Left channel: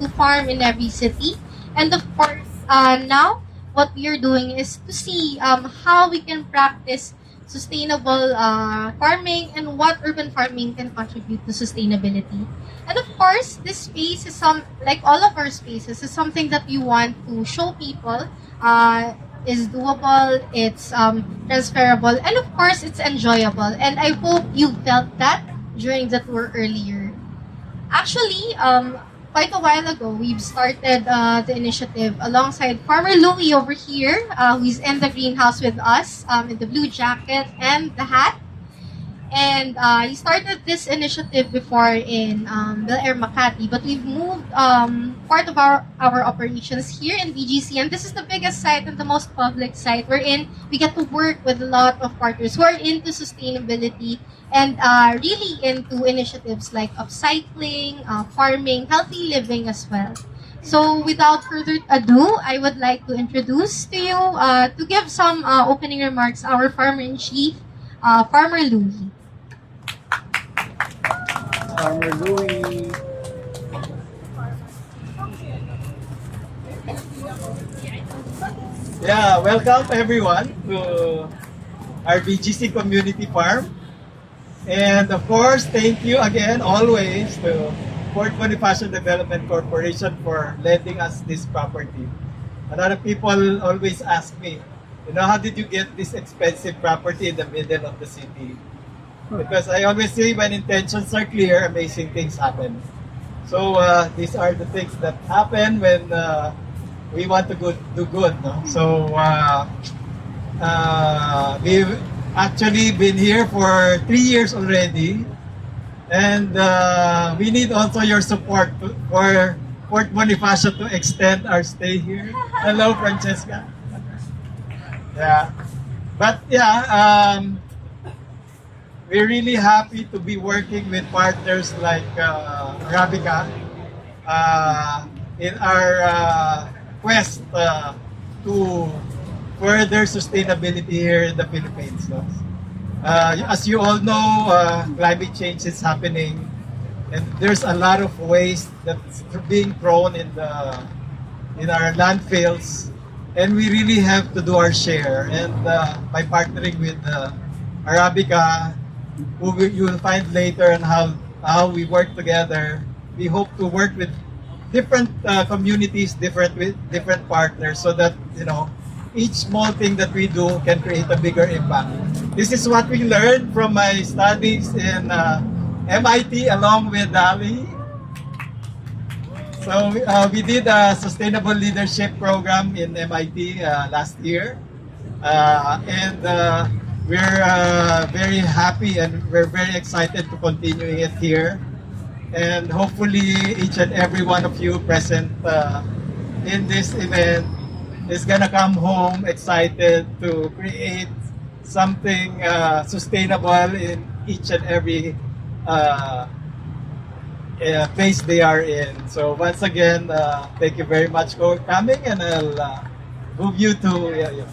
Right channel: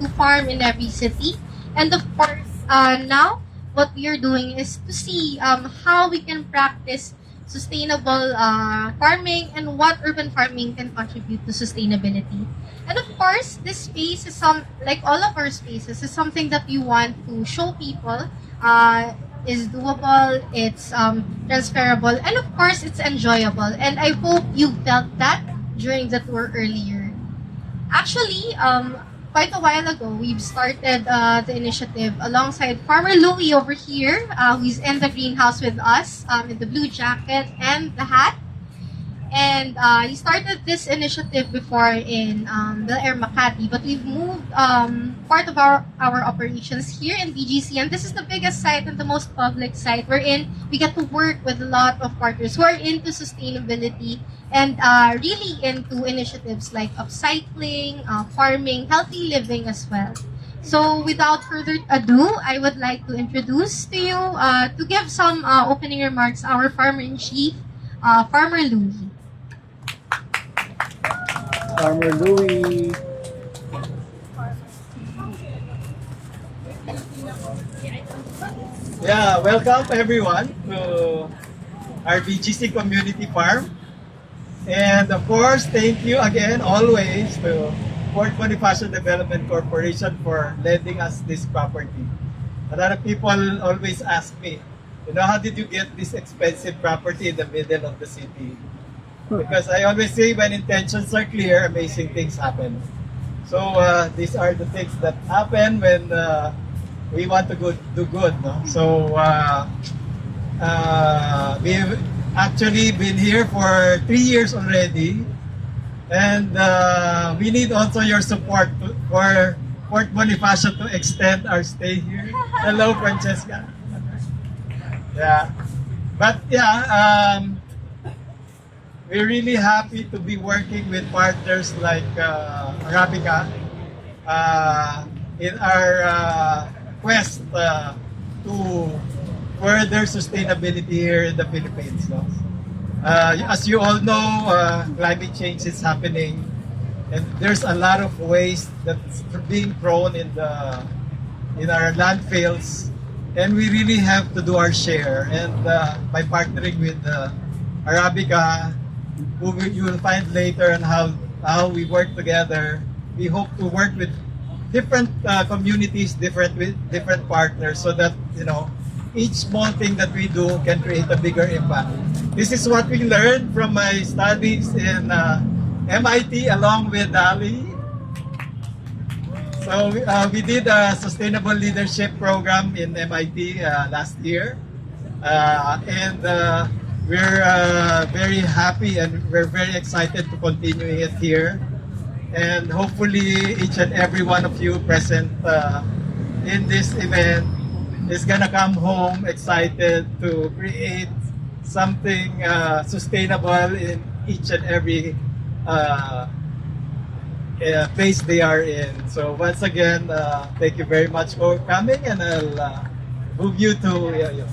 to farm in every city. And of course, now what we are doing is to see how we can practice sustainable farming and what urban farming can contribute to sustainability. And of course, this space is like all of our spaces, is something that we want to show people is doable, it's transferable, and of course, it's enjoyable. And I hope you felt that during the tour earlier. Actually, quite a while ago, we've started the initiative alongside Farmer Louie over here, who's in the greenhouse with us, in the blue jacket and the hat. And he started this initiative before in Bel Air, Makati, but we've moved part of our operations here in BGC, and this is the biggest site and the most public site wherein we get to work with a lot of partners who are into sustainability and really into initiatives like upcycling, farming, healthy living as well. So without further ado, I would like to introduce to you, to give some opening remarks, our Farmer-in-Chief, Farmer Louie. Farmer Louie. Yeah, welcome everyone to our BGC Community Farm. And of course, thank you again always to Port Bonifacio Development Corporation for lending us this property. A lot of people always ask me, how did you get this expensive property in the middle of the city? Because I always say when intentions are clear, amazing things happen. So these are the things that happen when we want to do good. No? So we've actually been here for 3 years already. And we need also your support for Port Bonifacio to extend our stay here. Hello, Francesca. Yeah. But yeah, we're really happy to be working with partners like Arabica in our quest to further sustainability here in the Philippines. No? As you all know, climate change is happening, and there's a lot of waste that's being thrown in our landfills, and we really have to do our share. And by partnering with Arabica, who you will find later on how we work together, we hope to work with different communities, with different partners, so that each small thing that we do can create a bigger impact. This is what we learned from my studies in MIT along with Ali. So we did a sustainable leadership program in MIT last year, and we're very happy and we're very excited to continue it here. And hopefully each and every one of you present in this event is gonna come home excited to create something sustainable in each and every place they are in. So once again, thank you very much for coming, and I'll move you to